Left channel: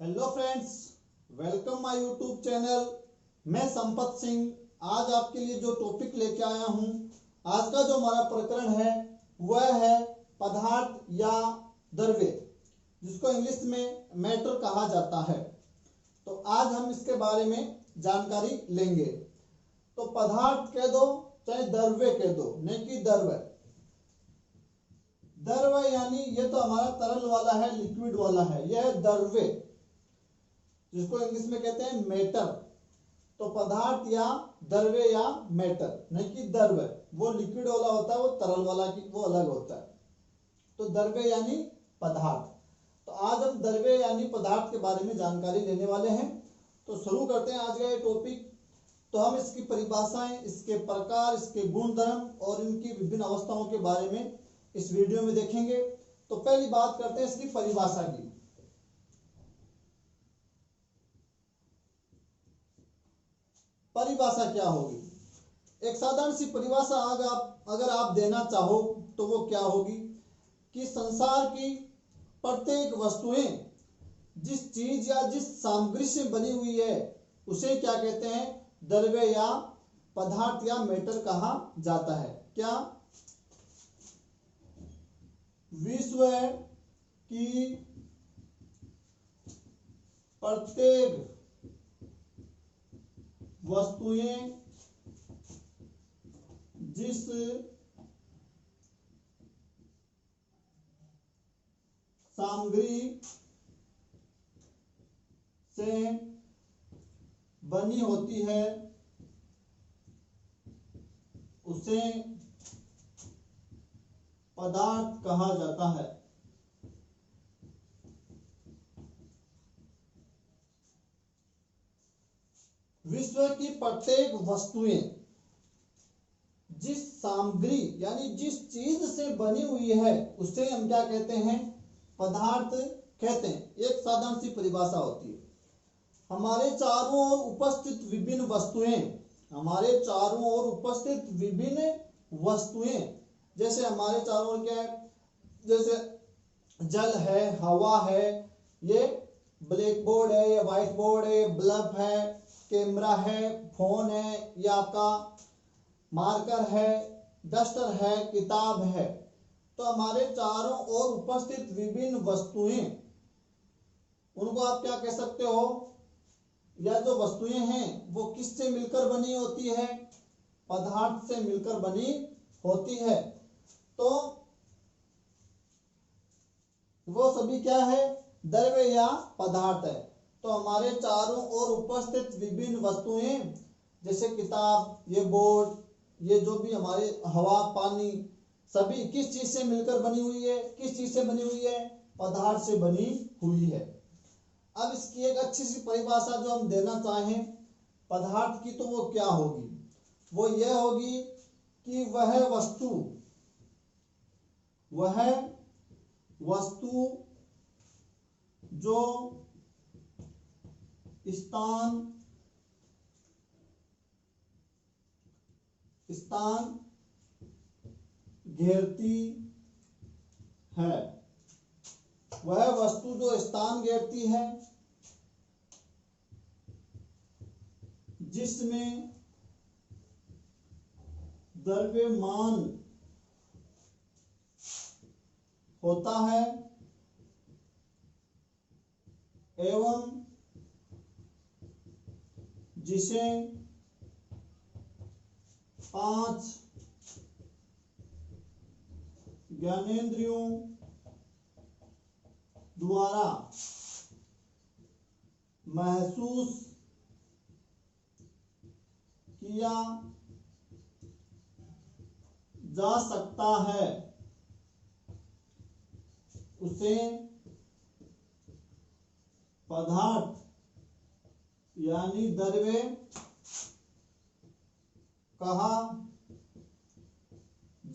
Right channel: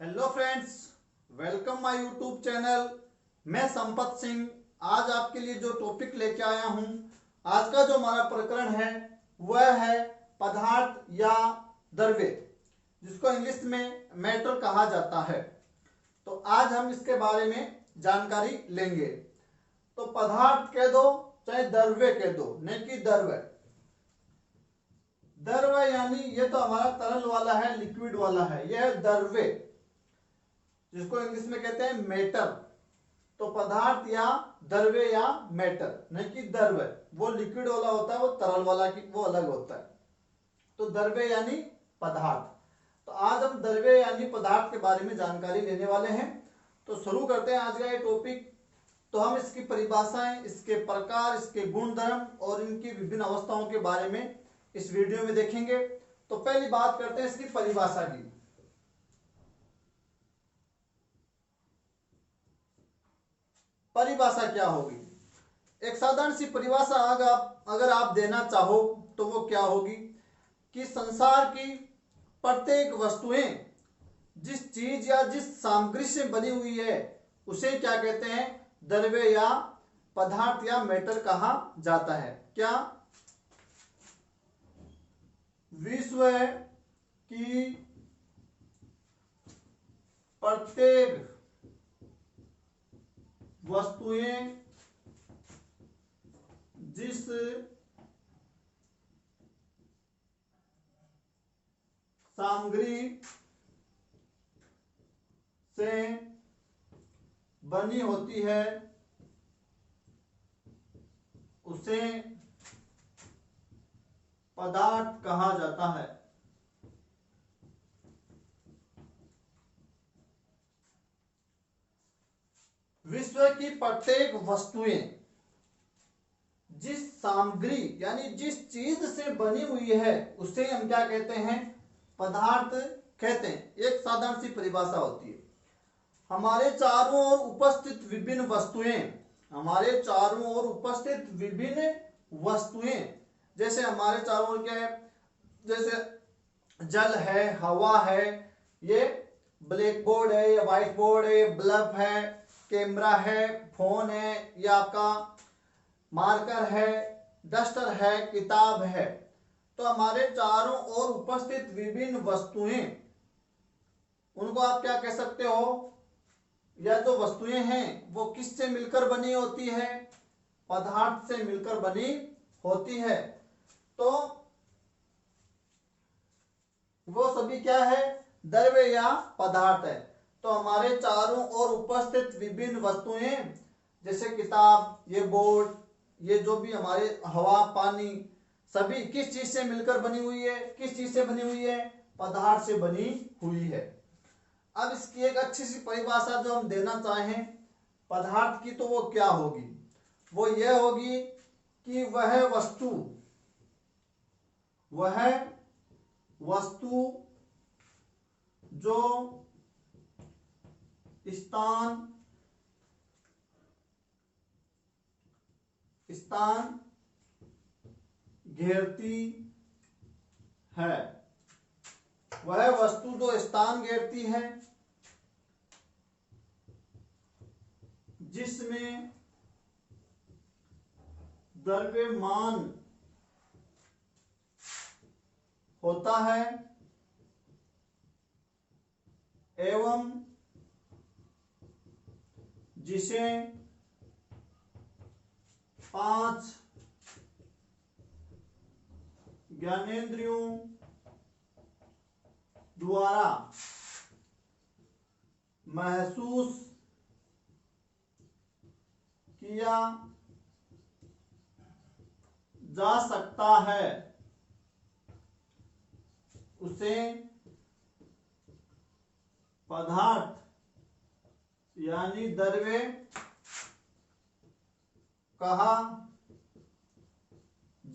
Hello friends, welcome my YouTube channel. मैं संपत सिंह आज आपके लिए जो टॉपिक लेके आया हूँ, आज का जो हमारा प्रकरण है वह है पदार्थ या द्रव्य, जिसको इंग्लिश में मैटर कहा जाता है। तो आज हम इसके बारे में जानकारी लेंगे। तो पदार्थ कह दो चाहे द्रव्य कह दो, नहीं कि द्रव्य। द्रव्य यानी ये तो हमारा तरल वाला है, लिक्विड वाला है, यह है द्रव्य, जिसको इंग्लिश में कहते हैं मैटर। तो पदार्थ या द्रव्य या मैटर, नहीं कि द्रव्य वो लिक्विड वाला होता है, वो तरल वाला की वो अलग होता है। तो द्रव्य यानी पदार्थ। तो आज हम द्रव्य यानी पदार्थ के बारे में जानकारी लेने वाले हैं। तो शुरू करते हैं आज का ये टॉपिक। तो हम इसकी परिभाषाएं, इसके प्रकार, इसके गुणधर्म और इनकी विभिन्न अवस्थाओं के बारे में इस वीडियो में देखेंगे। तो पहली बात करते हैं इसकी परिभाषा की। परिभाषा क्या होगी? एक साधारण सी परिभाषा अगर आप देना चाहो तो वो क्या होगी कि संसार की प्रत्येक वस्तुएं जिस चीज या जिस सामग्री से बनी हुई है उसे क्या कहते हैं? द्रव्य या पदार्थ या मैटर कहा जाता है। क्या? विश्व की प्रत्येक वस्तुएं जिस सामग्री से बनी होती है उसे पदार्थ कहा जाता है। विश्व की प्रत्येक वस्तुएं जिस सामग्री यानी जिस चीज से बनी हुई है उसे हम क्या कहते हैं? पदार्थ कहते हैं। एक साधारण सी परिभाषा होती है। हमारे चारों ओर उपस्थित विभिन्न वस्तुएं, हमारे चारों ओर उपस्थित विभिन्न वस्तुएं, जैसे हमारे चारों ओर क्या है? जैसे जल है, हवा है, ये ब्लैक बोर्ड है, या व्हाइट बोर्ड है, बल्ब है, कैमरा है, फोन है, या आपका मार्कर है, डस्टर है, किताब है। तो हमारे चारों ओर उपस्थित विभिन्न वस्तुएं, उनको आप क्या कह सकते हो? या जो वस्तुएं हैं वो किससे मिलकर बनी होती है? पदार्थ से मिलकर बनी होती है। तो वो सभी क्या है? द्रव्य या पदार्थ है। तो हमारे चारों ओर उपस्थित विभिन्न वस्तुएं, जैसे किताब, ये बोर्ड, ये जो भी हमारे हवा, पानी, सभी किस चीज से मिलकर बनी हुई है? किस चीज से बनी हुई है? पदार्थ से बनी हुई है। अब इसकी एक अच्छी सी परिभाषा जो हम देना चाहें पदार्थ की, तो वो क्या होगी? वो यह होगी कि वह वस्तु जो स्थान घेरती है, वह वस्तु जो स्थान घेरती है, जिसमें द्रव्यमान होता है एवं जिसे 5 ज्ञानेंद्रियों द्वारा महसूस किया जा सकता है, उसे पदार्थ यानी द्रव्य कहा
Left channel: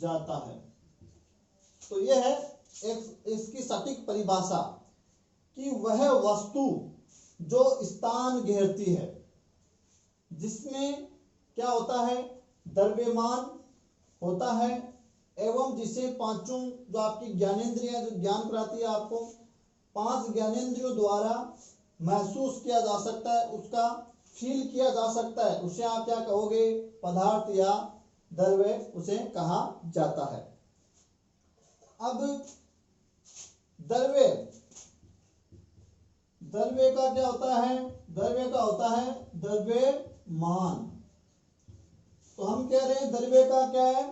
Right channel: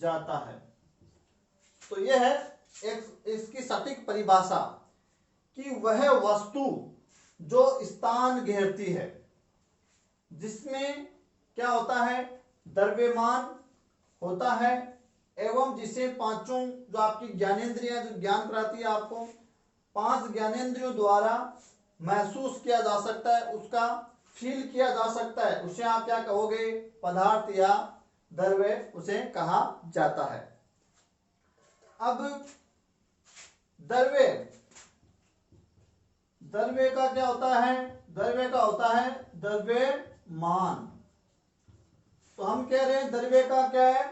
जाता है। तो यह है एक इसकी सटीक परिभाषा कि वह वस्तु जो स्थान घेरती है, जिसमें क्या होता है? द्रव्यमान होता है एवं जिसे पांचों जो आपकी ज्ञानेंद्रियां जो ज्ञान कराती है आपको, 5 ज्ञानेंद्रियों द्वारा महसूस किया जा सकता है, उसका फील किया जा सकता है, उसे आप क्या कहोगे? पदार्थ या द्रव्य उसे कहा जाता है। अब द्रव्य, द्रव्य का क्या होता है? द्रव्य का होता है द्रव्यमान। तो हम कह रहे हैं द्रव्य का क्या है?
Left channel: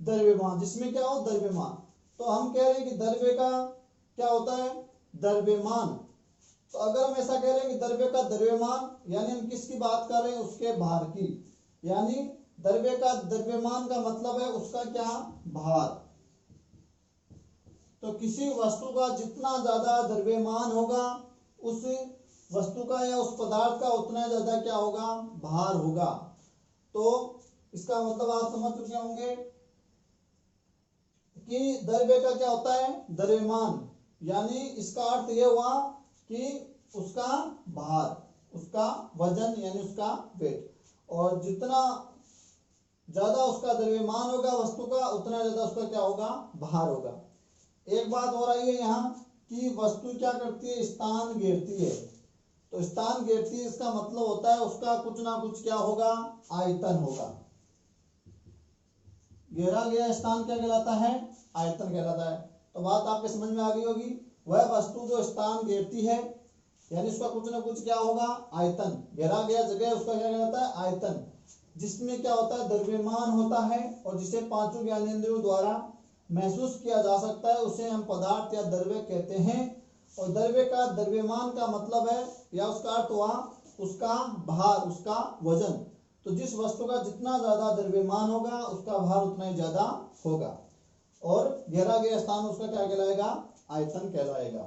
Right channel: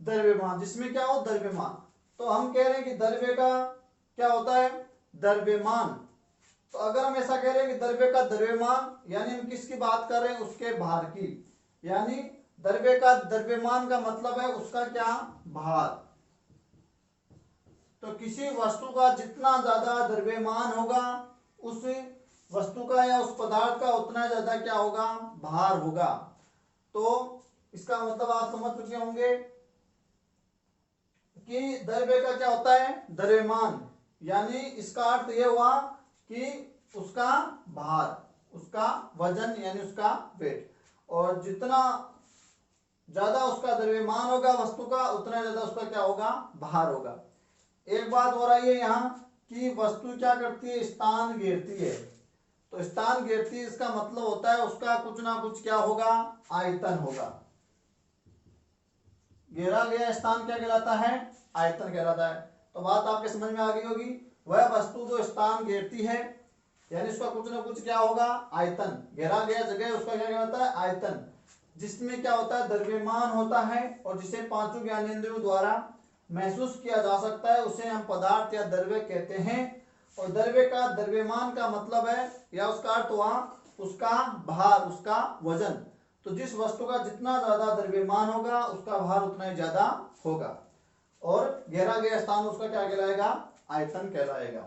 द्रव्यमान, जिसमें क्या हो? द्रव्यमान। तो हम कह रहे हैं कि द्रव्य का क्या होता है? द्रव्यमान। तो अगर हम ऐसा कह रहे हैं कि द्रव्य का द्रव्यमान, यानी हम किसकी बात कर रहे हैं? उसके भार की। यानी द्रव्य का द्रव्यमान का मतलब है उसका क्या? भार। तो किसी वस्तु का जितना ज्यादा द्रव्यमान होगा, उस वस्तु का या उस पदार्थ का उतना ज्यादा क्या होगा? भार होगा। तो इसका मतलब आप समझ चुके होंगे कि द्रव्य का क्या होता है? द्रव्यमान। यानी इसका अर्थ यह हुआ कि उसका भार, उसका वजन, यानी उसका वेट। और जितना ज्यादा उसका द्रव्यमान होगा वस्तु का, उतना ज्यादा उसका क्या होगा? भार होगा। एक बात हो रही है यहाँ कि वस्तु क्या करती है? स्थान घेरती है। तो स्थान घेरती है, इसका मतलब होता है उसका कुछ ना कुछ क्या होगा? आयतन होगा। घेरा गया स्थान क्या कहलाता है? आयतन कहलाता है। तो बात आपके समझ में आ गई होगी। वह वस्तु जो स्थान घेरती है, यानी उसका कुछ ना कुछ क्या होगा? आयतन। घेरा गया जगह उसका क्या कहलाता है? आयतन। जिसमें क्या होता है? द्रव्यमान होता है, और जिसे पांचों ज्ञानेंद्रियों द्वारा महसूस किया जा सकता है, उसे हम पदार्थ या द्रव्य कहते हैं। और द्रव्य का द्रव्यमान का मतलब है, या उसका अर्थ हुआ उसका भार, उसका वजन। तो जिस वस्तु का जितना ज्यादा द्रव्यमान होगा, उसका भार उतना ही ज्यादा होगा। और घेरा गया स्थान उसका क्या कहलाएगा? आयतन कहलाएगा।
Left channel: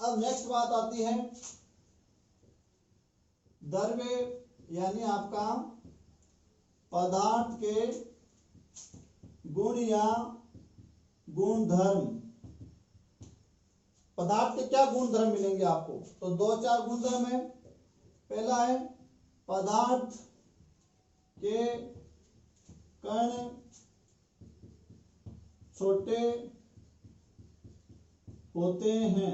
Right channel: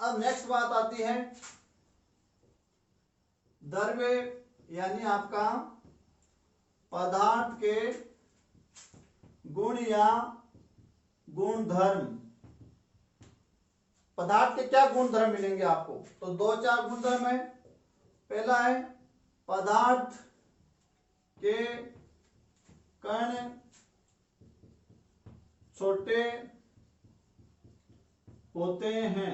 अब नेक्स्ट बात आती है द्रव्य, यानी आपका पदार्थ के गुण या गुणधर्म। पदार्थ के क्या गुणधर्म मिलेंगे आपको? तो दो चार गुणधर्म है। पहला है पदार्थ के कण छोटे होते हैं।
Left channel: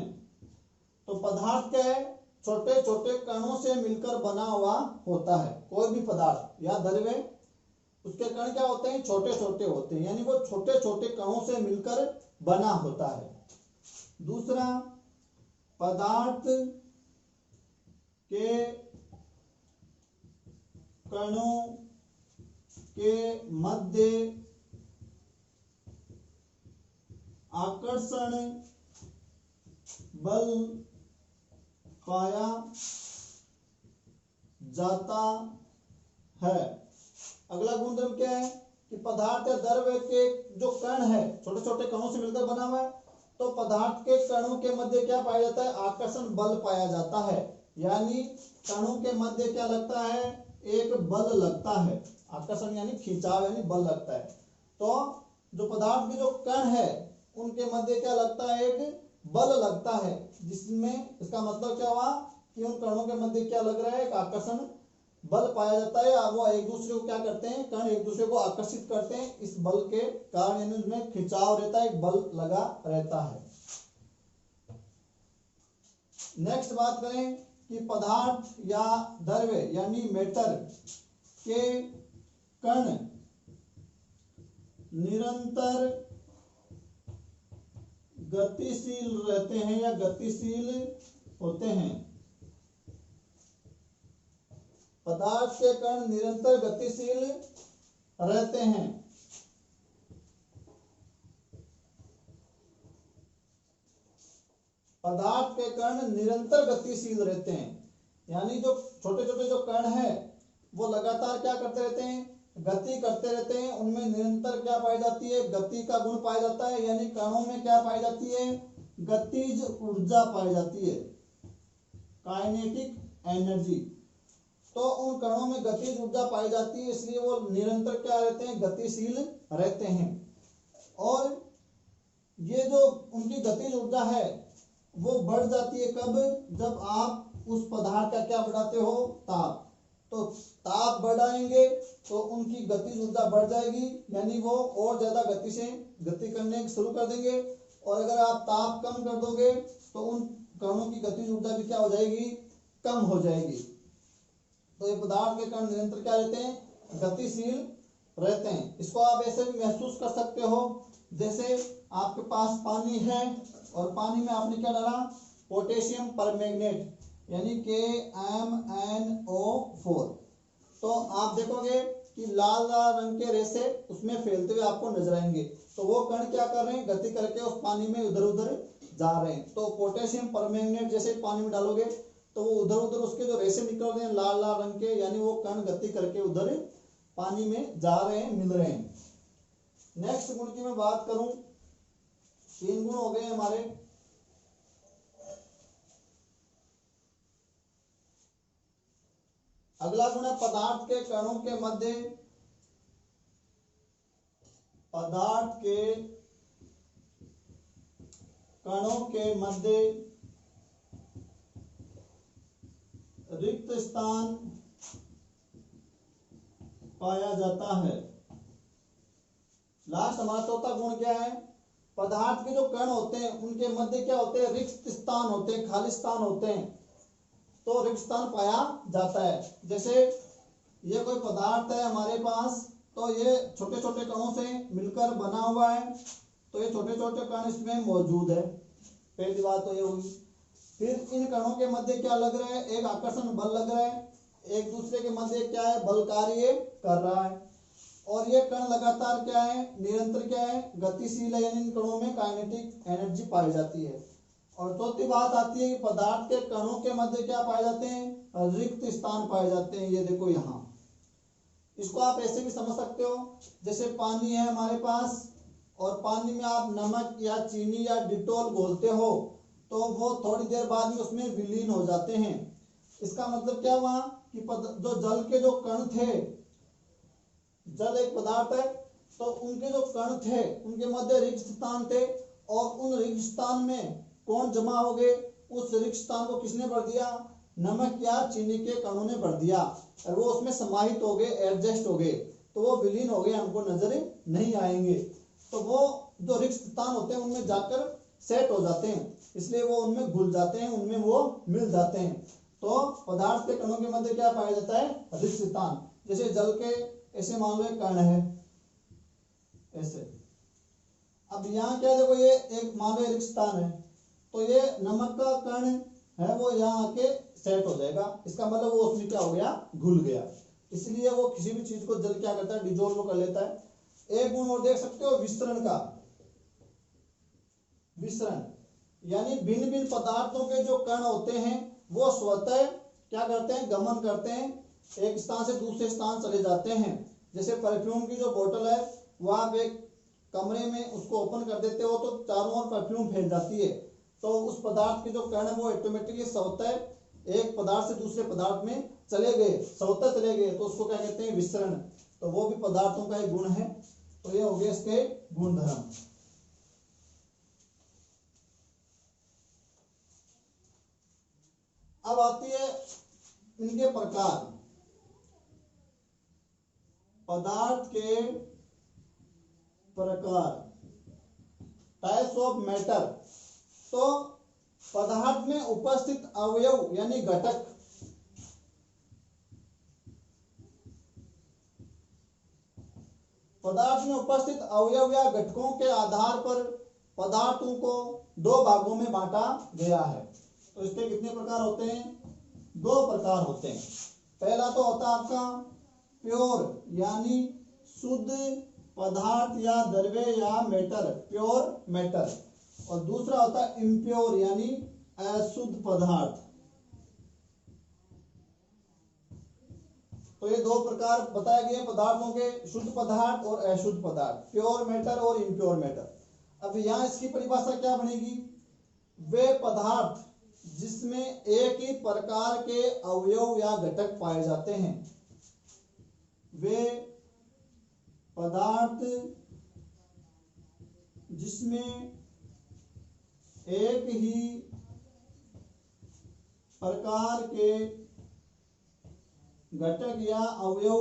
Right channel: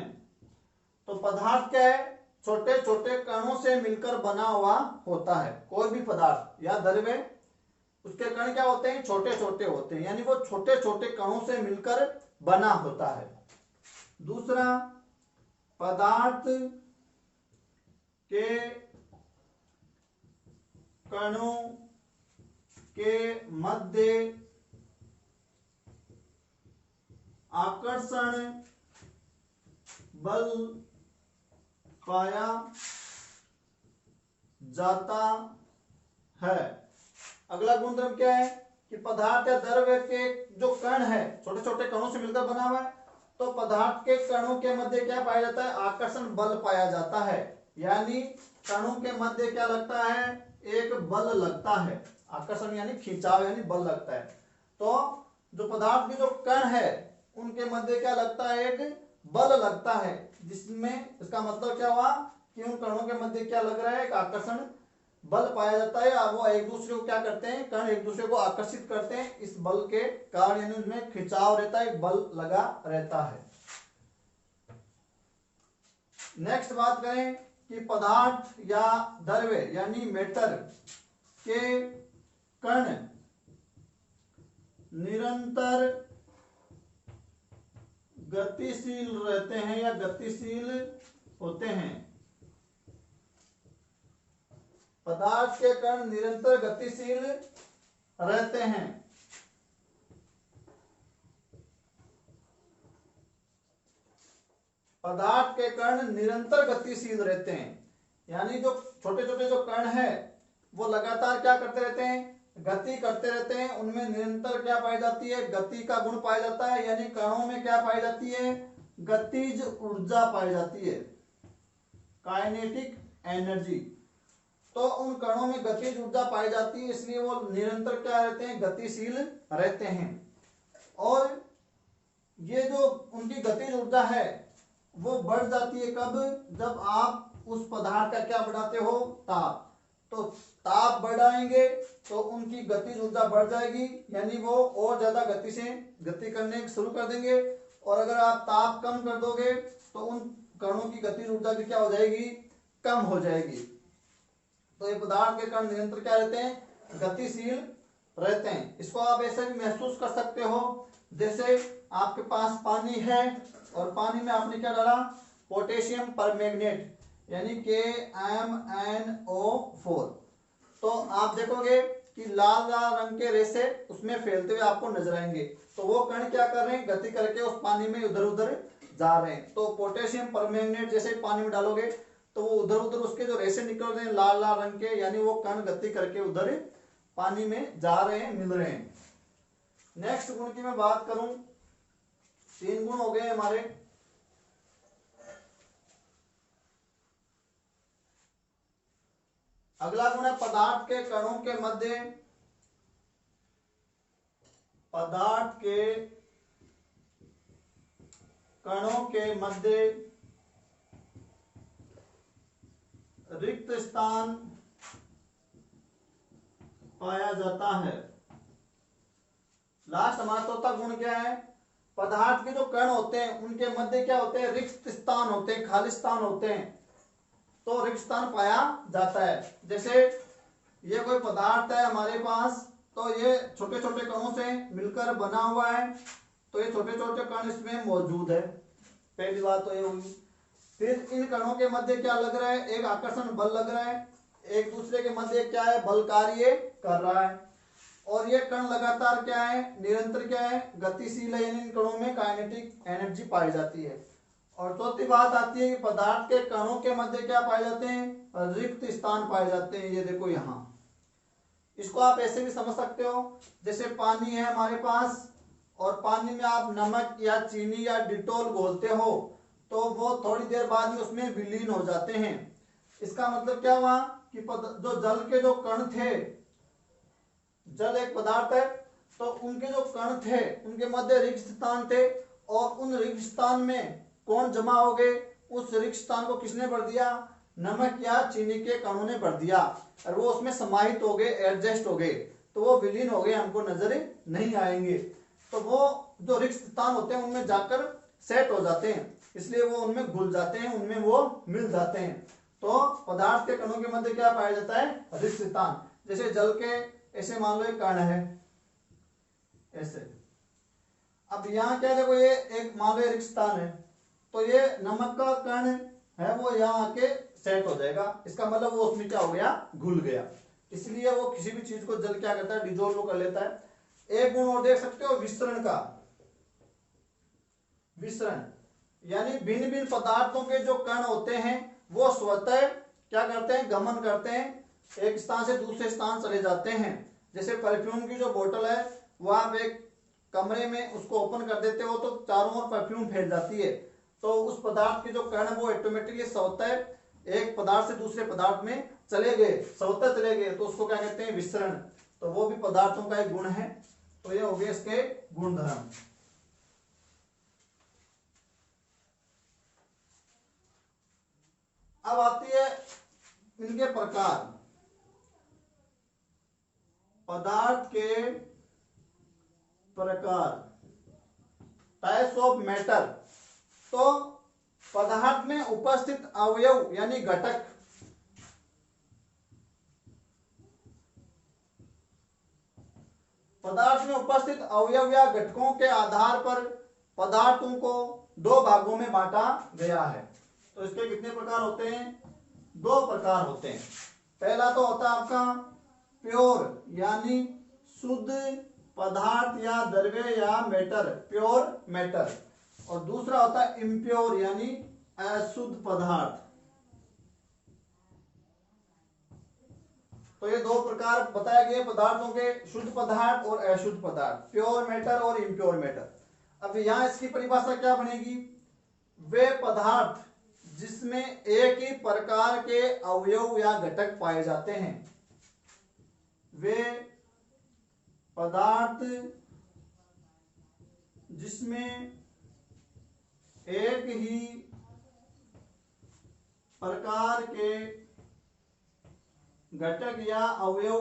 तो पदार्थ क्या है? छोटे छोटे कणों से मिलकर बना हुआ होता है। कोई भी पदार्थ या द्रव्य, उसके कण क्या होते हैं? छोटे छोटे होते हैं, यानी वो छोटे छोटे कणों से मिलकर बना होता है। दूसरा, पदार्थ के कणों के मध्य आकर्षण बल पाया जाता है। अगला गुणधर्म क्या है? कि पदार्थ या द्रव्य के जो कण है, छोटे छोटे कणों से मिलकर बना हुआ है, तो पदार्थ के कणों के मध्य क्या पाया जाता है? आकर्षण बल पाया जाता है। यानी कणों के मध्य क्या लगता है? एक बल लगता है। आकर्षण यानी खिंचाव, यानी बल लगता है। तो जो पदार्थ के जो कण है, उनके मध्य क्या लगता है? एक बल लगता है। जिसमें इसका मतलब क्या हुआ कि उन कणों के मध्य क्या लग रहा है? एक आकर्षण बल पाया जाता है। वो एक दूसरे को क्या करते हैं? कण एक दूसरे को आकर्षित करते हैं। इस बल के कारण, यानी उनमें खिंचाव रहता है, एक बल लगा रहता है। नेक्स्ट बात करें कि पदार्थ या द्रव्य यानी मैटर के कण निरंतर गतिशील रहते हैं या गतिशील होते हैं। पदार्थ के कण निरंतर गतिशील रहते हैं। पदार्थ के कण निरंतर गतिशील रहते हैं, यानी जो छोटे छोटे जो कण है वो लगातार क्या करते रहते हैं? गति करते रहते हैं। उनमें निरंतर क्या पाई जाती है? गति का गुण पाया जाता है। यानी कणों में क्या पाई जाती है? गतिज ऊर्जा पाई जाती है, काइनेटिक एनर्जी। तो उन कणों में गतिज ऊर्जा पाई जाती है, इसलिए वो निरंतर क्या रहते हैं? गतिशील रहते हैं। और ये जो उनकी गतिज ऊर्जा है वो बढ़ जाती है कब? जब आप उस पदार्थ का क्या बढ़ाते हो? ताप। तो ताप बढ़ाएंगे तो उनकी गतिज ऊर्जा बढ़ जाएगी, यानी वो और ज्यादा गति से गति करने शुरू कर देंगे। और अगर आप ताप कम कर दोगे तो उन कणों की गतिज ऊर्जा भी क्या हो जाएगी, कम हो जाएगी। तो ये पदार्थ के कण निरंतर क्या रहते हैं, गतिशील रहते हैं। इसको आप ऐसे भी महसूस कर सकते हो, जैसे आपके पास पानी है और पानी में आपने क्या डाला, पोटेशियम परमैंगनेट यानी KMnO4। तो आप देखोगे कि लाल लाल रंग के रेसे उसमें फैलते हुए आपको नजर आएंगे। तो वो कण क्या कर रहे हैं, गति करके उस पानी में उधर उधर जा रहे हैं। तो पोटेशियम परमैंगनेट जैसे पानी में डालोगे तो वो उधर उधर उसके जो रेसे निकल रहे हैं लाल लाल रंग के, यानी वो कण गति करके उधर पानी में जा रहे हैं, मिल रहे हैं। नेक्स्ट गुण की मैं बात करूं, 3 गुण हो गए हमारे। अगला गुण है पदार्थ के कणों के मध्य, पदार्थ के कणों के मध्य रिक्त स्थान पाया जाता है। लास्ट हमारा चौथा गुण क्या है, पदार्थ के जो कण होते हैं उनके मध्य क्या होते हैं, रिक्त स्थान होते हैं, खाली स्थान होते हैं। तो रिक्त स्थान पाया जाता है। जैसे ये कोई पदार्थ है हमारे पास, तो ये छोटे छोटे कणों से मिलकर बना हुआ है, तो ये छोटे छोटे कण इसमें मौजूद है। पहली बात तो ये हुई। फिर इन कणों के मध्य क्या लग रहा है, एक आकर्षण बल लग रहा है, एक दूसरे के मध्य क्या है, बल कार्य कर रहा है। और ये कण लगातार क्या है, निरंतर क्या है, गतिशील है, यानी इन कणों में काइनेटिक एनर्जी पाई जाती है। और चौथी बात आती है कि पदार्थ के कणों के मध्य क्या पाए जाते हैं, रिक्त स्थान पाए जाते हैं। ये देखो यहाँ, इसको आप ऐसे भी समझ सकते हो, जैसे पानी है हमारे पास और पानी में आप नमक या चीनी या डिटोल घोलते हो तो वो थोड़ी देर बाद में उसमें विलीन हो जाते हैं। इसका मतलब क्या हुआ कि जो जल के जो कण थे, जल एक पदार्थ है, तो उनके जो कण थे उनके मध्य रिक्त स्थान थे, और उन रिक्त स्थान में कौन जमा हो गए, उस रिक्त स्थान को किसने भर दिया, नमक या चीनी के कणों ने भर दिया, और वो उसमें समाहित हो गए, एडजस्ट हो गए, तो वो विलीन हो गए, हमको नजर नहीं आएंगे। तो वो जो रिक्त स्थान होते हैं उनमें जाकर सेट हो जाते हैं, इसलिए वो उनमें घुल जाते हैं, उनमें वो मिल जाते हैं। तो पदार्थ के कणों के मध्य क्या पाया जाता है, रिक्त स्थान। जैसे जल के ऐसे मान लो एक कण है ऐसे, अब यहाँ क्या देखो, ये एक मान लो रिक्त स्थान है, तो ये नमक का कण है वो यहाँ आके सेट हो जाएगा। इसका मतलब वो उसमें क्या हो गया, घुल गया। इसलिए वो किसी भी चीज को जल क्या करता है, डिजोल्व कर लेता है। एक गुण और देख सकते हो विसरण का। विसरण यानी भिन्न भिन्न पदार्थों के जो कण होते हैं वो स्वतः क्या करते हैं, गमन करते हैं, एक स्थान से दूसरे स्थान चले जाते हैं। जैसे परफ्यूम की जो बोतल है वो आप एक कमरे में उसको ओपन कर देते हो तो चारों ओर परफ्यूम फैल जाती है। तो उस पदार्थ के जो कण है वो ऑटोमेटिकली स्वतः एक पदार्थ से दूसरे पदार्थ में चले गए, स्वतः चले गए, तो उसको क्या कहते हैं, विसरण। तो वो भी पदार्थों का एक गुण है। तो ये हो गए इसके गुण धर्म। अब आती है इनके प्रकार, पदार्थ के प्रकार, टाइप्स ऑफ मैटर। तो पदार्थ में उपस्थित अवयव यानी घटक, पदार्थ में उपस्थित अवयव या घटकों के आधार पर पदार्थों को 2 भागों में बांटा गया है। तो इसके कितने प्रकार होते हैं, 2 प्रकार होते हैं। पहला तो होता है आपका प्योर यानी शुद्ध पदार्थ या द्रव्य या मैटर, प्योर मैटर, और दूसरा होता है इम्प्योर यानी अशुद्ध पदार्थ। तो ये 2 प्रकार बताए गए पदार्थों के, शुद्ध पदार्थ और अशुद्ध पदार्थ, प्योर मैटर और इम्प्योर मैटर। अब यहाँ इसकी परिभाषा क्या बनेगी, वे पदार्थ जिसमें एक ही प्रकार के अवयव या घटक पाए जाते हैं, वे पदार्थ जिसमें एक ही प्रकार के घटक या अवयव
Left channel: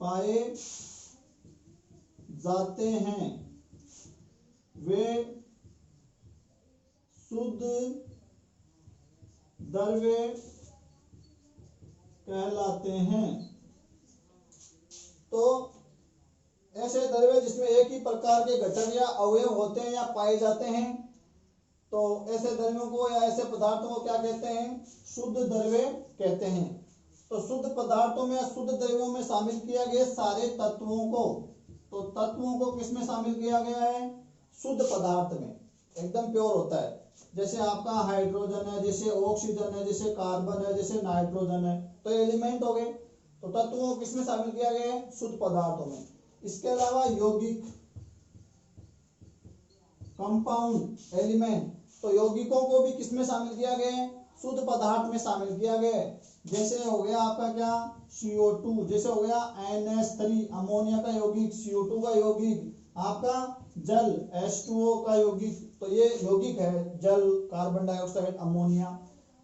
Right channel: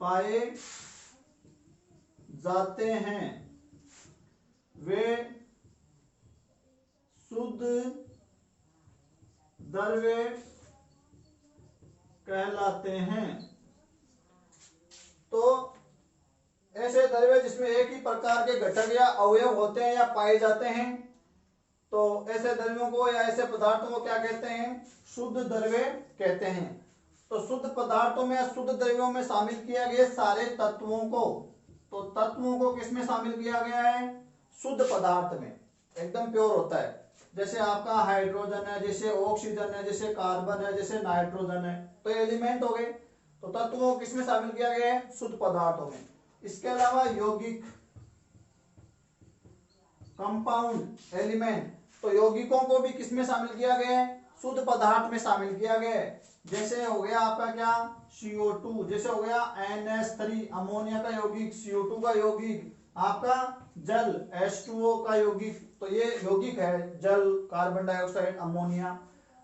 पाए जाते हैं वे शुद्ध द्रव्य कहलाते हैं। तो ऐसे द्रव्य जिसमें एक ही प्रकार के घटक या अवयव होते हैं या पाए जाते हैं, तो ऐसे द्रव्यों को या ऐसे पदार्थों को क्या कहते हैं? शुद्ध द्रव्य कहते हैं। तो शुद्ध पदार्थों में, शुद्ध द्रव्यों में शामिल किया गया सारे तत्वों को, तो तत्वों को किसमें शामिल किया गया है? शुद्ध पदार्थ में, एकदम प्योर होता है। जैसे आपका हाइड्रोजन है, जैसे ऑक्सीजन है, जैसे कार्बन है, जैसे नाइट्रोजन है, तो एलिमेंट हो गए। तो तत्वों को किसमें शामिल किया गया है? शुद्ध पदार्थों में। इसके अलावा यौगिक, कंपाउंड, एलिमेंट, तो यौगिकों को भी किसमें शामिल किया गया है? शुद्ध पदार्थ में शामिल किया गया है। जैसे हो गया आपका क्या? CO2, जैसे हो गया NH3 अमोनिया का यौगिक, CO2 का यौगिक, आपका जल H2O का यौगिक, तो ये यौगिक है, जल, कार्बन डाइऑक्साइड, अमोनिया।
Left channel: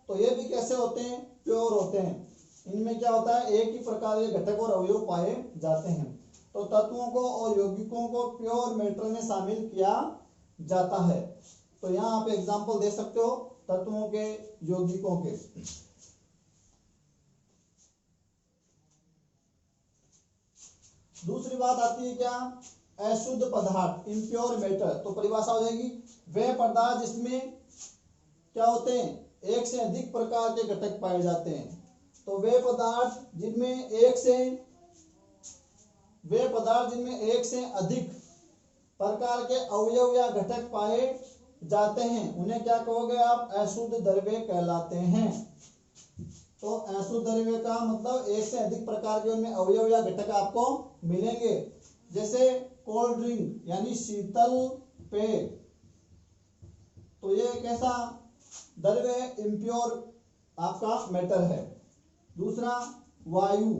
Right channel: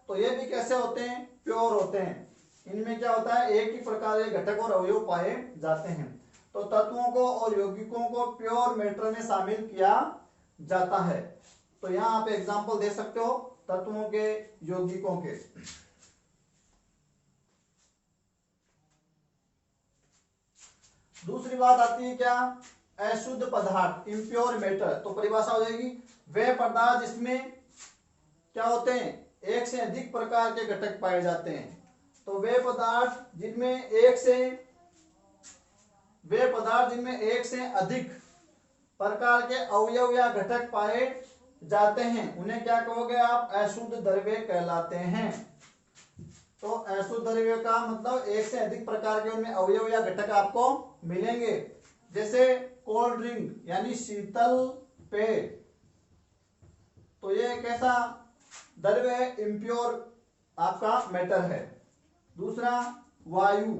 तो ये भी कैसे होते हैं? प्योर होते हैं। इनमें क्या होता है? एक ही प्रकार के घटक और अवयव पाए जाते हैं। तो तत्वों को और यौगिकों को प्योर मैटर में शामिल किया जाता है। तो यहाँ आप एग्जांपल दे सकते हो तत्वों के, यौगिकों के। दूसरी बात आती है क्या? अशुद्ध पदार्थ, इम्प्योर मैटर। तो परिभाषा हो जाएगी वे पदार्थ जिसमें क्या होते हैं? एक से अधिक प्रकार के घटक पाए जाते हैं। तो वे पदार्थ जिनमें एक से अधिक प्रकार के अवयव या घटक पाए जाते हैं, उन्हें क्या कहोगे आप? अशुद्ध द्रव्य कहलाते हैं। तो अशुद्ध द्रव्य का मतलब एक से अधिक प्रकार के उनमें अवयव या घटक आपको मिलेंगे। जैसे कोल्ड ड्रिंक यानी शीतल पेय, तो ये एक ऐसा द्रव्य है, इम्प्योर आपका मैटर है। दूसरा वायु,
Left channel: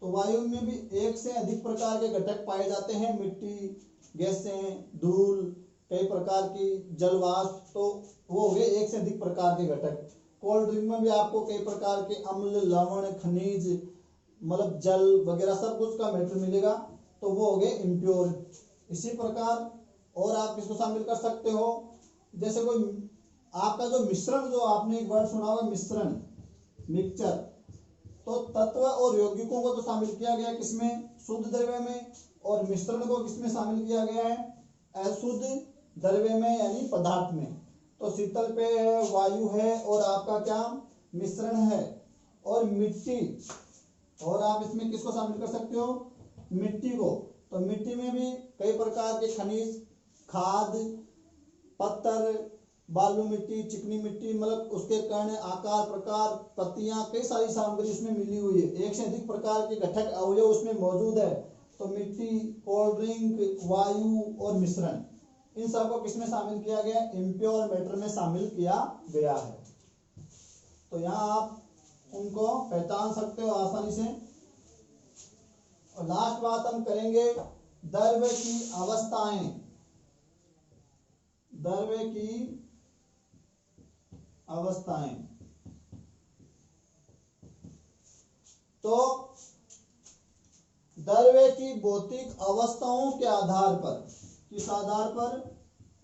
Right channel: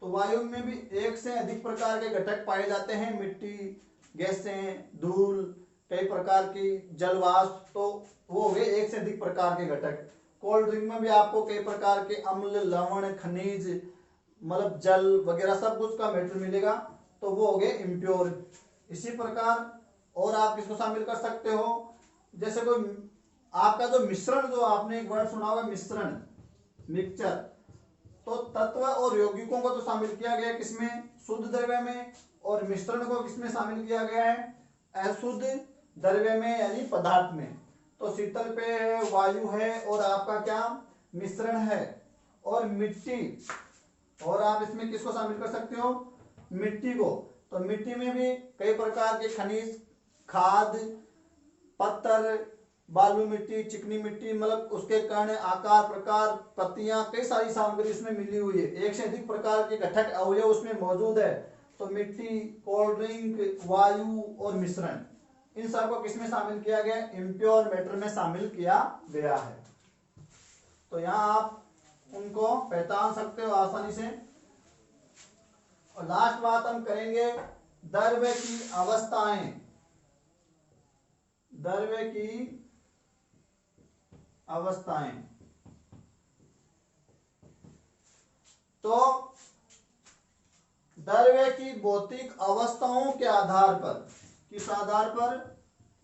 तो वायु में भी एक से अधिक प्रकार के घटक पाए जाते हैं, मिट्टी, गैसें, धूल, कई प्रकार की जलवाष्प, तो वो हो गए एक से अधिक प्रकार के घटक। कोल्ड ड्रिंक में भी आपको कई प्रकार के अम्ल, लवण, खनिज, मतलब जल वगैरह सब कुछ का मैटर मिलेगा, तो वो हो गए इम्प्योर। इसी प्रकार और आप किसको शामिल कर सकते हो? जैसे कोई आपका जो मिश्रण, जो आपने एक वर्ड सुना होगा मिश्रण, मिक्सचर, तो तत्व और यौगिकों को तो शामिल किया गया किसमें? शुद्ध द्रव्य में। और मिश्रण को किसमें शामिल किया गया है? अशुद्ध द्रव्य में, यानी पदार्थ में। तो शीतल पेय है, वायु है, और आपका क्या? मिश्रण है। और मिट्टी, और आप इसमें किसको शामिल कर सकते हो? मिट्टी को। तो मिट्टी में भी कई प्रकार के खनिज, खाद, पत्थर, बालू मिट्टी, चिकनी मिट्टी, मतलब उसके कण, आकार, प्रकार, पत्तियां, कई सारी सामग्री इसमें मिली हुई है। एक से अधिक प्रकार के घटक अवयव उसमें मौजूद है। तो मिट्टी, कोल्ड ड्रिंक, वायु और मिश्रण, इन सबको किसमें शामिल किया गया? इम्प्योर मैटर में शामिल किया गया है। तो यहाँ आप उनको पहचान सकते हो आसानी से। और लास्ट बात हम करेंगे द्रव्य की अवस्थाएं। द्रव्य की अवस्थाएं, तो द्रव्य की भौतिक अवस्थाओं के आधार पर, किस आधार पर?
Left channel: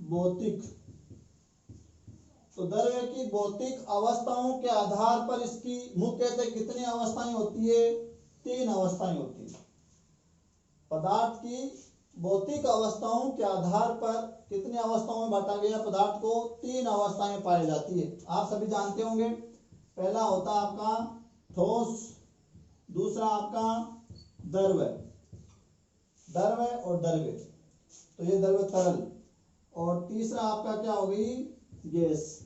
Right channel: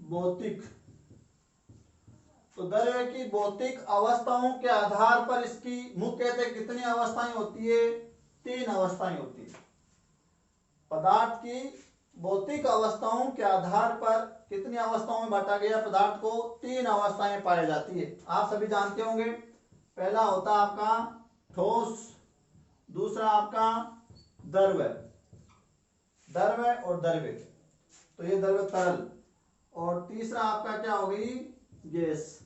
भौतिक। तो द्रव्य की भौतिक अवस्थाओं के आधार पर इसकी मुख्यतः कितनी अवस्थाएं होती है? 3 अवस्थाएं होती है। पदार्थ की भौतिक अवस्थाओं के आधार पर कितनी अवस्थाओं में बांटा गया पदार्थ को? 3 अवस्थाएं पाई जाती है। आप सभी जानते होंगे। पहला होता है आपका ठोस, दूसरा आपका द्रव्य, द्रव्य और द्रव्य, तो ये द्रव्य तरल, और तीसरा आपका क्या हो गई? गैस।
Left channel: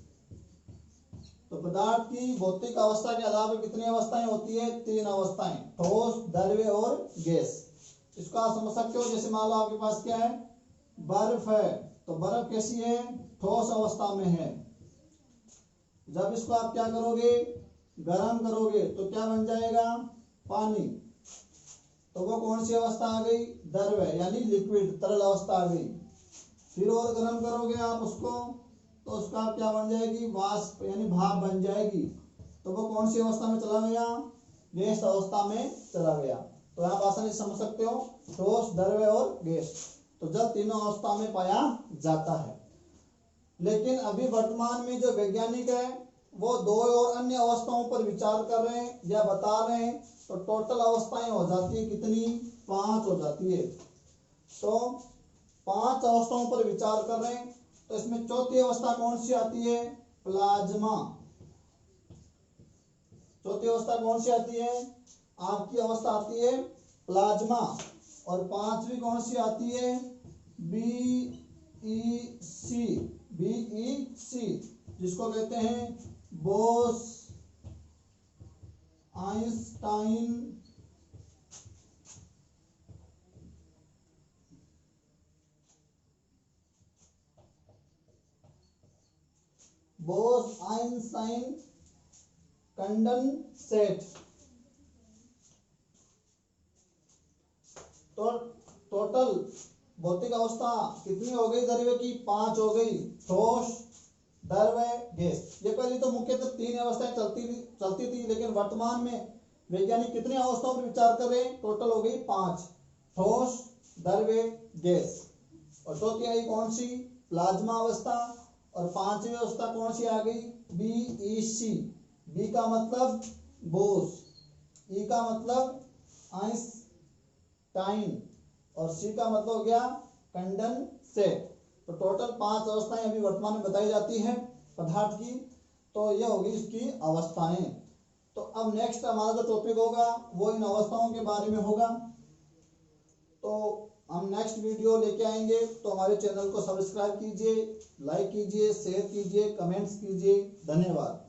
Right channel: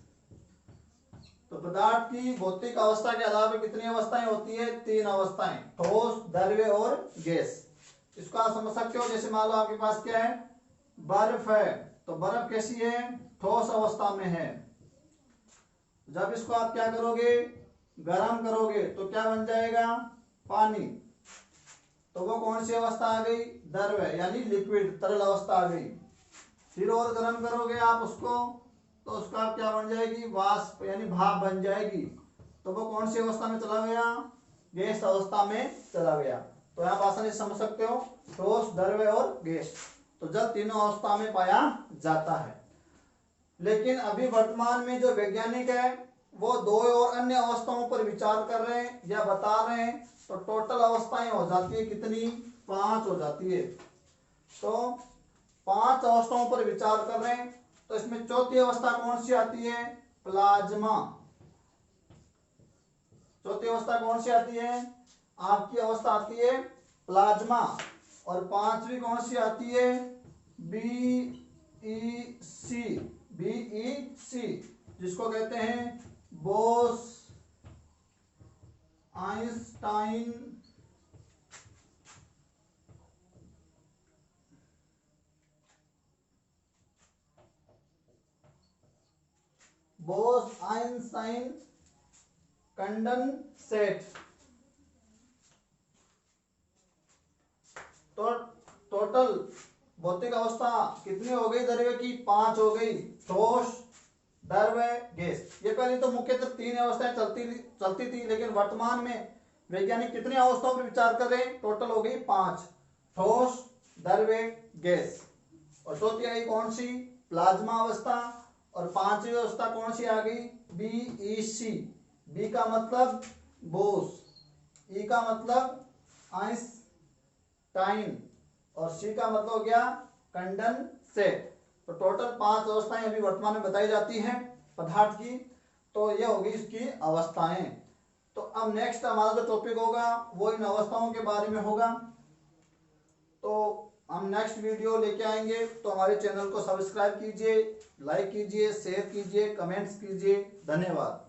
तो पदार्थ की भौतिक अवस्था के आधार पर कितनी अवस्थाएं होती है? 3 अवस्थाएं, ठोस, द्रव्य और गैस। इसको आप समझ सकते हो। जैसे मान लो आपके पास क्या है? बर्फ है, तो बर्फ कैसी है? ठोस अवस्था में है। जब इसको आप क्या करोगे? गर्म करोगे तो क्या बन जाएगा? पानी। तो वो कौन सी अवस्था आ गई? द्रव्य, यानी लिक्विड, तरल अवस्था आ गई। फिर और गर्म करोगे आप उसको, तो उसका क्या बन जाएगी? वाष्प, यानी भाप बन जाएगी। तो वो कौन सी अवस्था में चला गया? गैस अवस्था में चला गया। तो यहाँ आसानी से समझ सकते हो, ठोस, द्रव्य और गैस। तो जल तीनों अवस्था में पाया जाता है। लेकिन अभी वर्तमान में जो वैज्ञानिक है वो 2 और अन्य अवस्थाओं पर विचार कर रहे हैं या बता रहे हैं। तो टोटल अवस्थाएं हो जाती है कितनी, 5 हो जाती है। तो 5 अवस्थाओं पर विचार कर रहे हैं। तो इसमें चौथी अवस्था कौन सी आती है, प्लाज्मा। चौथी अवस्था कौन सी आती है, आपकी अवस्था आती है प्लाज्मा। और पांचवी कौन सी आती है, बीईसी। बीईसी जिसको कहते हैं Bose Einstein Bose Einstein condensate. तो टोटल भौतिक अवस्था कितनी हो गई द्रव्य की, 5 हो गई, ठोस, द्रव्य, गैस। ये पहले तो मुख्यतः 3 अवस्थाएं चलती थी, लेकिन वर्तमान में वैज्ञानिक कितनी अवस्थाओं पर विचार कर रहे हैं, टोटल हो गई 5, ठोस, द्रव्य, गैस। और चौथी आई कौन सी, प्लाज्मा अवस्था। और पांचवी अवस्था कौन सी आ गई, बीईसी। बी का मतलब बोस, ई का मतलब आइंस्टाइन और सी का मतलब हो गया कंडेंसेट। तो टोटल 5 अवस्थाएं अभी वर्तमान में बताई जाती हैं पदार्थ की। तो ये होगी इसकी अवस्थाएं। तो अब नेक्स्ट हमारा जो टॉपिक होगा वो इन अवस्थाओं के बारे में होगा। तो हम नेक्स्ट वीडियो लेके आएंगे। तो हमारे चैनल को सब्सक्राइब कीजिए, लाइक कीजिए, शेयर कीजिए, कमेंट्स कीजिए। धन्यवाद।